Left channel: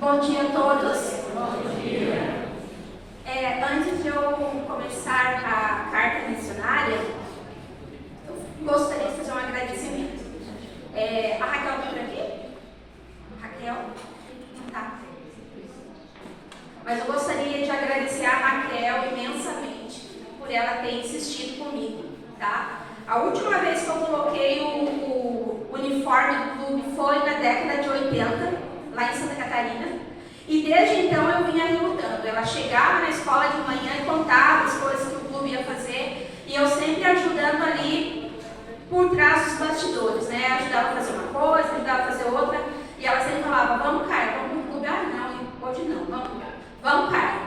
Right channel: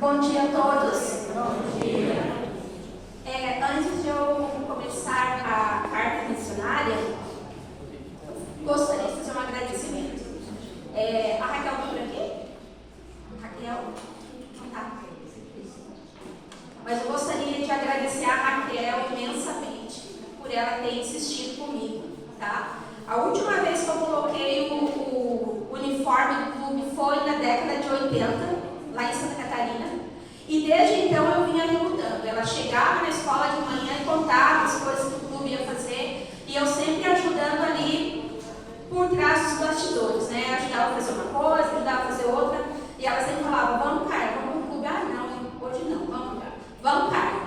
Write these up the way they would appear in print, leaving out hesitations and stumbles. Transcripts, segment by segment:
Bom dia a todos. Bom dia. Antes de eu começar a carta missionária, eu gostaria de fazer um agradecimento. A Raquel está por aqui? Raquel? Não está. Mas eu gostaria de agradecer a Raquel imensamente por ela ter insistido comigo, tá? A última vez que eu coloquei o uniforme do clube foi na década de 80, lá em Santa Catarina. E desde então eu vinha lutando. Ela chegava na escola de manhã e contava as coisas que o clube ia fazer. E eu sempre ajudando ali por trás dos bastidores, né? Ajudava a fazer uma coisa, ajudava a fazer outra. E ela sempre falava, vamos, Caio, vamos pro clube. Ah, não, hoje não, vamos, Caio.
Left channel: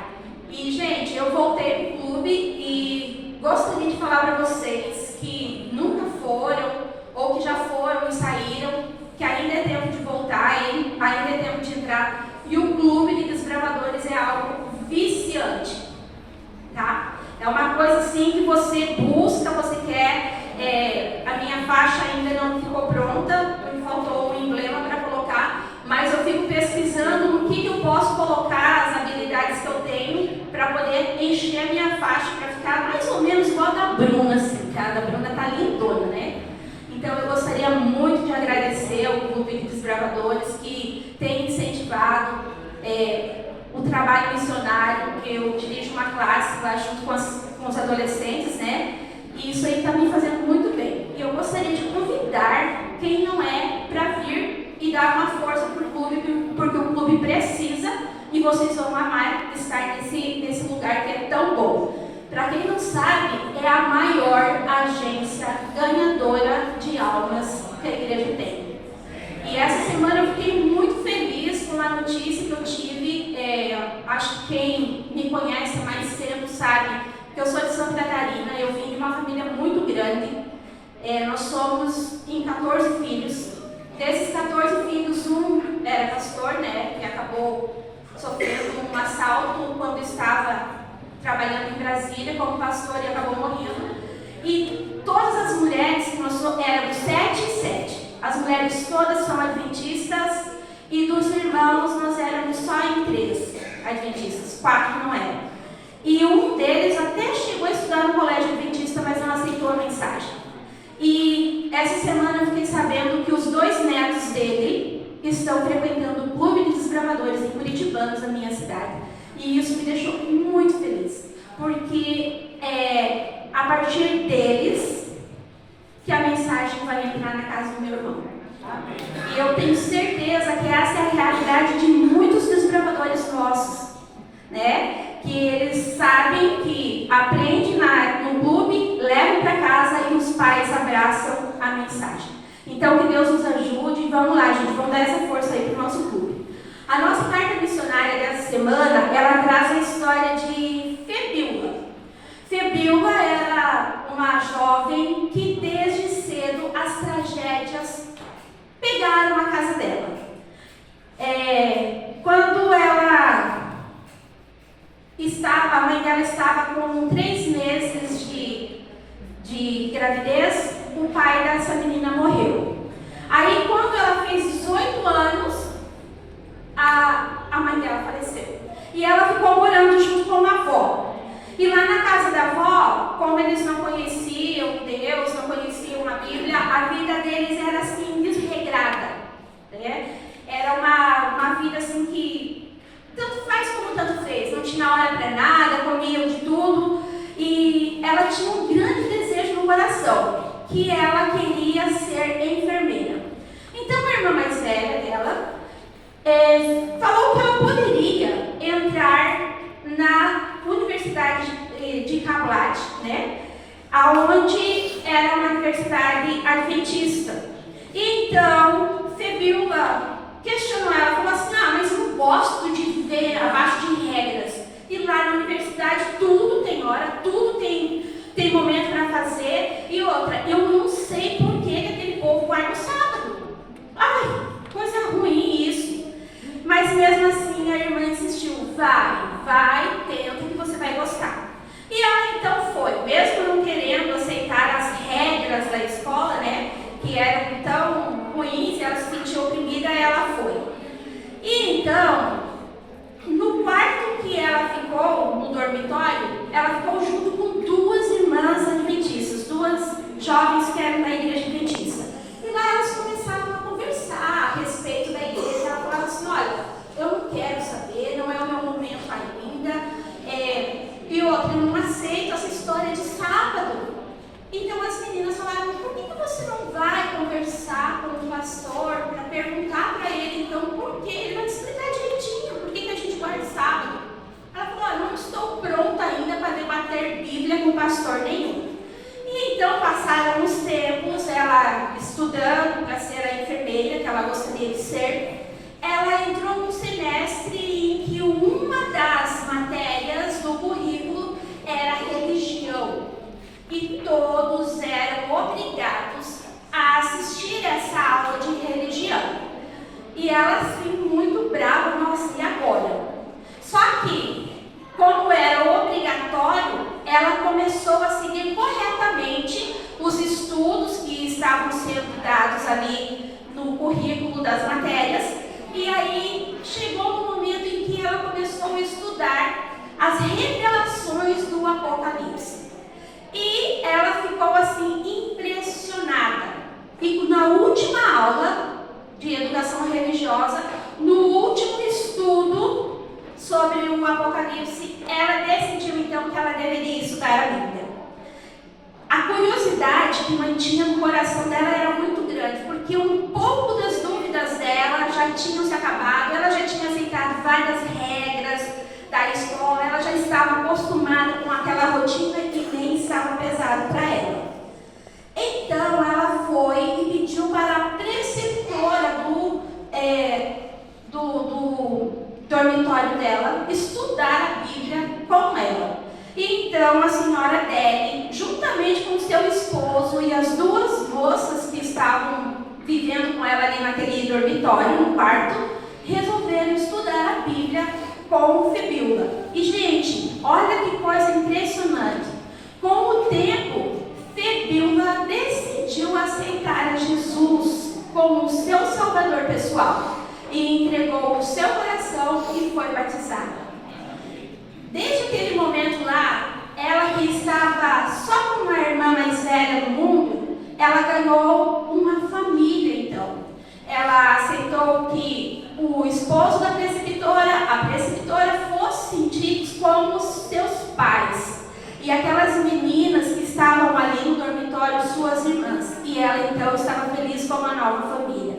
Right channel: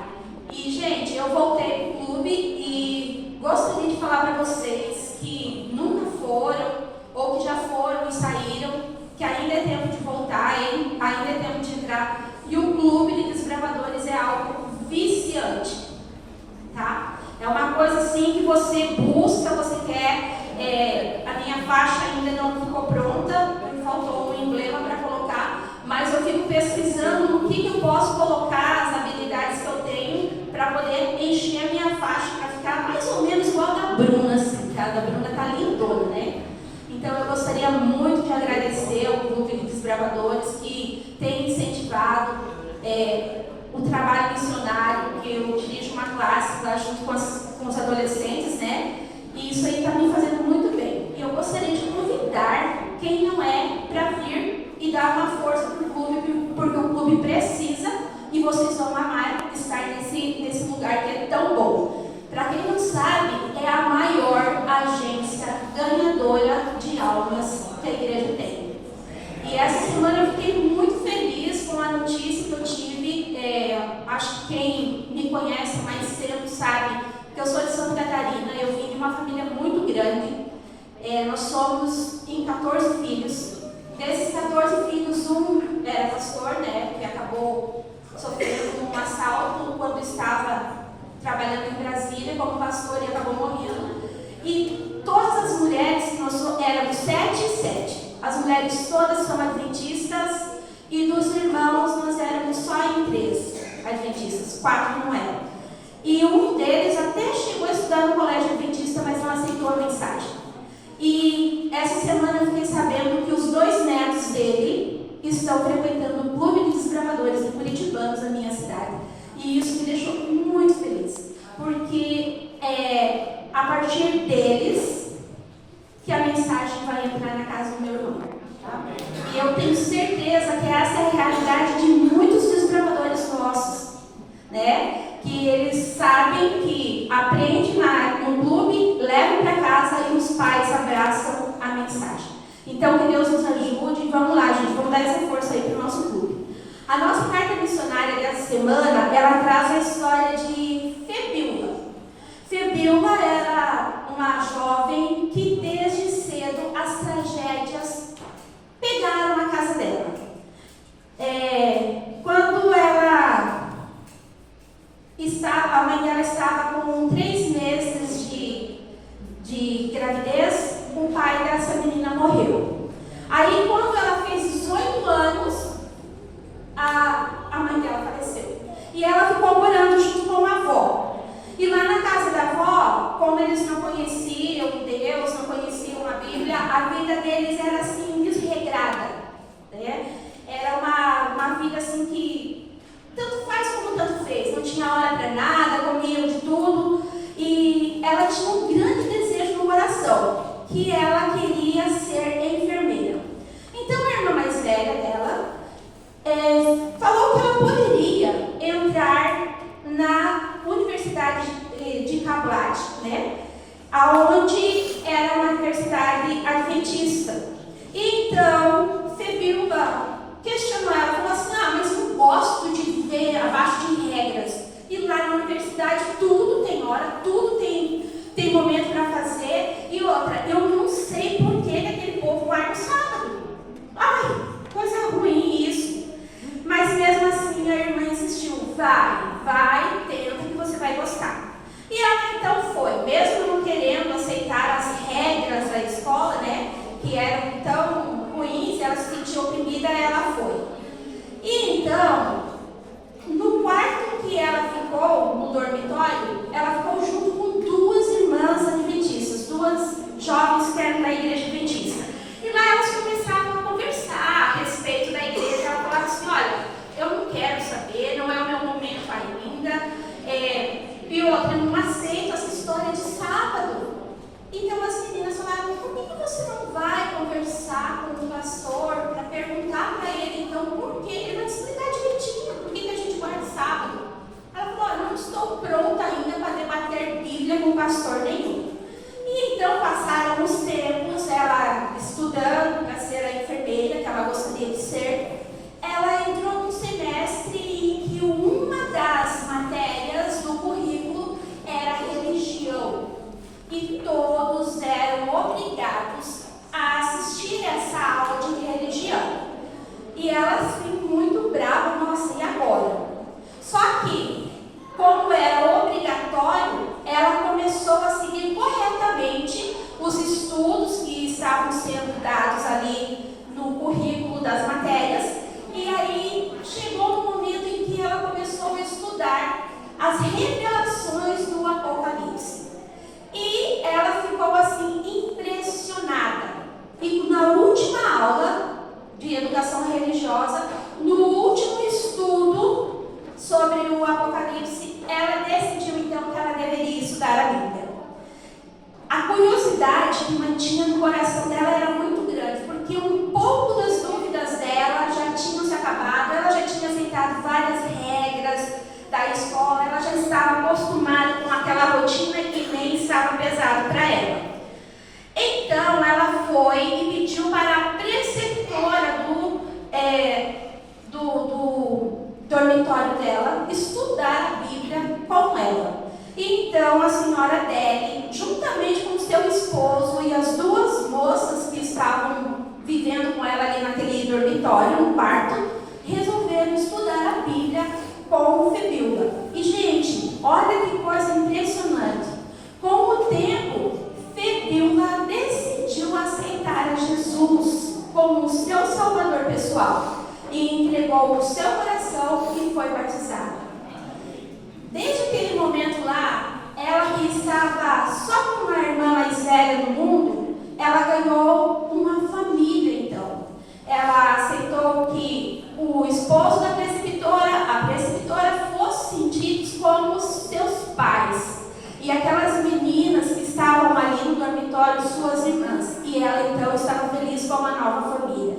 E, gente, eu voltei pro clube e gostaria de falar para vocês que nunca foram, ou que já foram e saíram, que ainda é tempo de voltar, ainda é tempo de entrar. E o clube de desbravadores é algo viciante, tá? É uma coisa assim que você busca, você quer. A minha faixa ainda não ficou pronta, me faltou um emblema para colocar, mas eu fico pesquisando no que eu posso colocar, as habilidades que eu tenho, para poder encher a minha faixa, para ficar mais ou menos igual a da Bruna, assim, tá? A da Bruna tá lindona, né? Então eu gostaria muito de agradecer ao Clube de Desbravadores que tem incentivado o trabalho missionário, que eu dirijo uma classe lá junto com os adolescentes, né? E isso aí está me fazendo muito bem. E eu gostaria de convidar quem não é para vir e dar uma força para o clube, porque o clube precisa e vocês vão amar estar nesse lugar que é tão bom. Para quem não sabe, é a maior agência ganhadora de almas que a igreja tem. E essa semana eu fiquei muito feliz com a notícia que eu tive. Acho que quem me conhece há mais tempo sabe que eu sou de Santa Catarina. Eu vim de uma família muito grande. Nós somos em 14 filhos. Desses 14 filhos, um era pastor, né, que acabou sofrendo um assalto quando estava trabalhando em Brasília como pastor e acabou morrendo. E todas as mulheres, que nós éramos 7 e 7. As mulheres todas são adventistas e dos irmãos nós éramos só em 3 adventistas, 4 não eram. E um deles até chegou a estudar no colégio adventista, mas não aceitou a mensagem. E essa semana eu fiquei sabendo que os 2 netos dele estão frequentando o Clube de Desbravadores em Curitibanos, na minha cidade. E isso me deixou muito feliz, porque a partir deles que a mensagem vai entrar na casa do meu irmão. Tá? E eu tenho certeza que essa é a realidade de muitos desbravadores nossos, né? Que eles sabem que aprendem no clube, levam para casa e os pais abraçam a mensagem. Então, que Deus nos ajude. Vamos lá, gente, vamos dar essa força aí para o nosso clube. A nossa carta missionária dessa semana, ela traz a história de Febiola. Febiola era uma jovem que desde cedo as tragédias pegaram a casa dela. Quando a mãe dela estava com 3 meses de gravidez, o pai dessa menina morreu. Aí, quando ela fez 18 anos, a mãe dela faleceu. E ela ficou morando junto com a avó. E lá na casa da avó, como eles não conheciam Deus, não conheciam a Bíblia, a vida deles era assim, desregrada, né? Era uma vida assim que tanto faz como tanto fez. Não tinha hora para nada, comiam de tudo. E ela tinha um grande desejo no coração, que ela queria ser enfermeira. Então a irmã mais velha dela falou que ela poderia entrar na Universidade de Kablat, né? Aonde era uma universidade adventista. Então, Febiola questionou ela, falou assim, mas eu gosto de viver abaixo de regras. E lá na universidade tudo tem hora, tudo tem momento para fazer. E outra, eu não sei por que aquele povo vai no sábado. Ai, coisa ruim isso. Mas mesmo assim a irmã insistiu, vai, tenta que você vai gostar. E ela então foi, mesmo não querendo aceitar as regras da escola, né, que eram tão ruins, ela se sentiu oprimida, ela foi. E então, perguntar para ele, então, por quê? Ele vai te explicar direitinho por que a gente guarda sábado. Ela falou, não estou pronta ainda para debater Bíblia com pastor nenhum. E então passaram os tempos, ela estudando para ser a enfermeira que ela gostaria de ser, ela entrou no semestre em que uma das matérias do currículo era religião. E todos eram obrigados a assistir essa aula de religião. E ela assim, muito brava, nossa, e agora? Só que, como era obrigatório, ela começou a seguir corretamente os estudos que estavam sendo dados ali no currículo das matérias. E aí chegou um momento em que ela começou a estudar as revelações do Apocalipse. E ela ficou assim impressionada. E na última aula de educação religiosa, no último estudo sobre o Apocalipse, ela decidiu então que ela deveria estudar a Bíblia. A curiosidade que mantinha no coração dela era muito grande, porque um pouco das dúvidas dela já tinham se acabado, ela já tinha aceitado várias regras da escola, ela já estava acostumada com aquela rotina que nem estava pesado para ela. Então ela foi e pediu para a preceptora do dormitório dela estudar a Bíblia com ela. Então a senhora Deli, juntamente com seu esposo e as duas moças que estavam vivendo com ela ali naquele dormitório, no quarto, resolveram estudar a Bíblia com Febíola. E gente, olha que coisa impressionante. Com o tempo, Febíola decidiu aceitar a Jesus como o seu salvador pessoal e entregou o seu coração e foi batizada. Desde aquele momento lá, ela que estava só com uma irmã mais velha no mundo, ela ganhou uma família então. Ela aceitou que o esposo da preceptora, a preceptora, fossem tidos como seus pais. E aquelas meninas que estavam ali no dormitório, suas irmãs. E ela então estava feliz com uma nova família.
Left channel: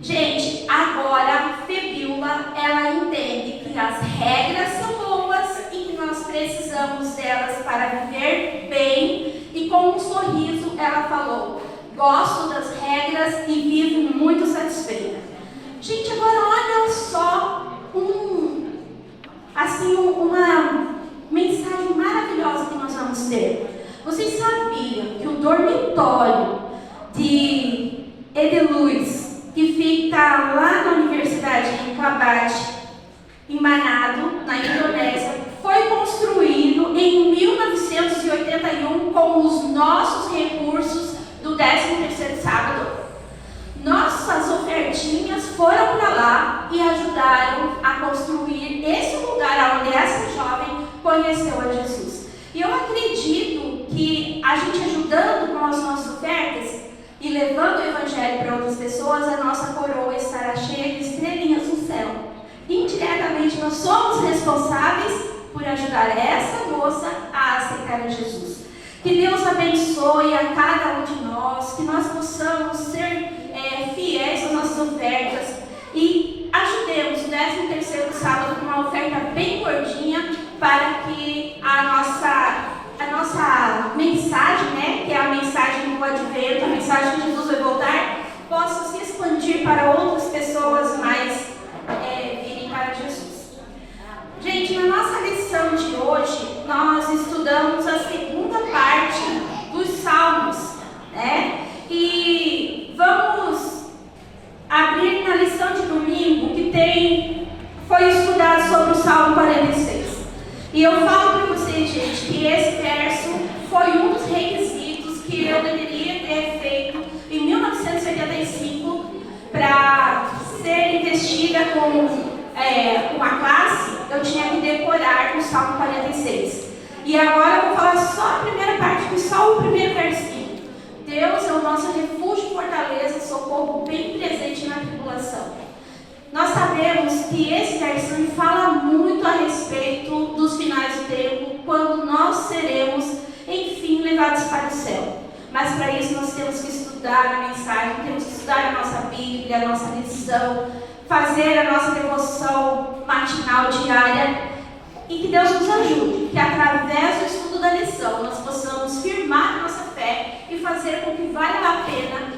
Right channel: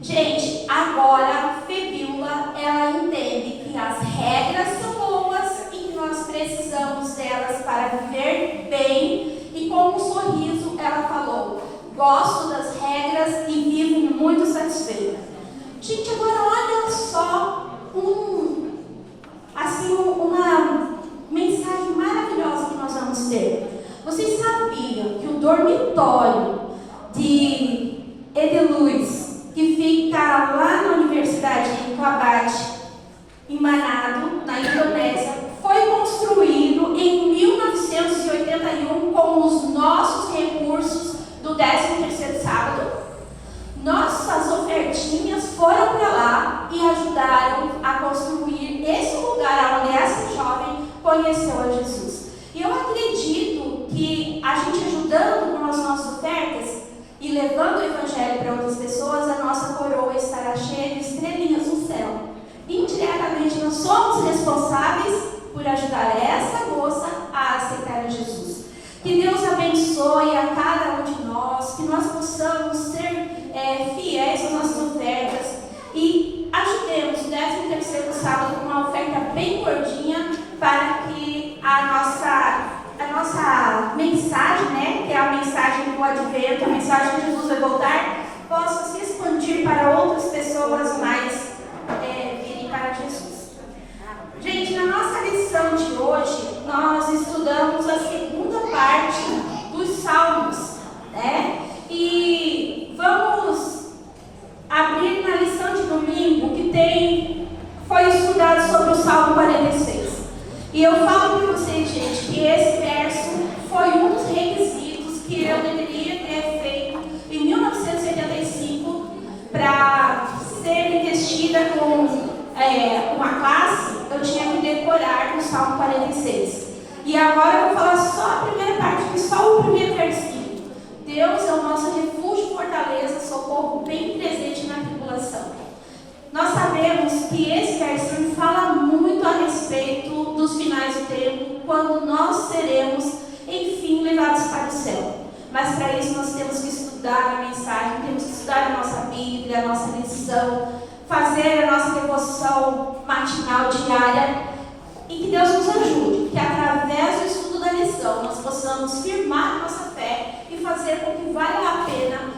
Gente, agora Febíola, ela entende que as regras são boas e que nós precisamos delas para viver bem. E com um sorriso ela falou, gosto das regras e vivo muito satisfeita. Gente, agora olha só uma mensagem maravilhosa que nós vamos ter. Vocês sabiam que o dormitório de Edeluz, que fica lá na Universidade de Kabad, em Manado, na Indonésia, foi construído em 1981 com os nossos recursos do 13º sábado? Nossas ofertinhas foram para lá e ajudaram a construir esse lugar onde essa jovem conheceu a Jesus. E eu acredito que a gente ajudando com as nossas ofertas e levando o Evangelho para outras pessoas, a nossa coroa estará cheia de estrelinhas no céu. Indiretamente, nós somos responsáveis por ajudar essa moça a aceitar a Jesus. Que Deus abençoe a cada um de nós, que nós possamos ser fiéis às nossas ofertas e ajudemos o 13º sábado com uma oferta bem gordinha para que a nossa mensagem, né, que é a mensagem do Advento, a mensagem de Jesus vai voltar, possa se expandir para outras pessoas mais virem para Jesus. Gente, na nossa lição de hoje, nós estudamos a segunda parte dos Salmos, né? E vamos abrir na lição de domingo que foi estudado sobre o Salmo 46. E eu falo para vocês, gente, que esse verso foi um dos requisitos que eu deveria ter feito em 1975 para ser investida com uma classe. Eu tinha que decorar o Salmo 46. E agora eu vou falar só a primeira parte, só o primeiro versículo. Deus é o nosso refúgio e fortaleza, socorro bem presente na tribulação. Nós sabemos que esse versículo fala muito a respeito dos finais do tempo, quando nós seremos, enfim, levados para o céu. Mas para isso nós temos que estudar a mensagem, temos que estudar a nossa Bíblia, trilha, a nossa decisão, fazer a nossa devoção matinal, diária, e que Deus nos ajude, que através do estudo da lição nós possamos firmar a nossa fé e fazer com que valha a pena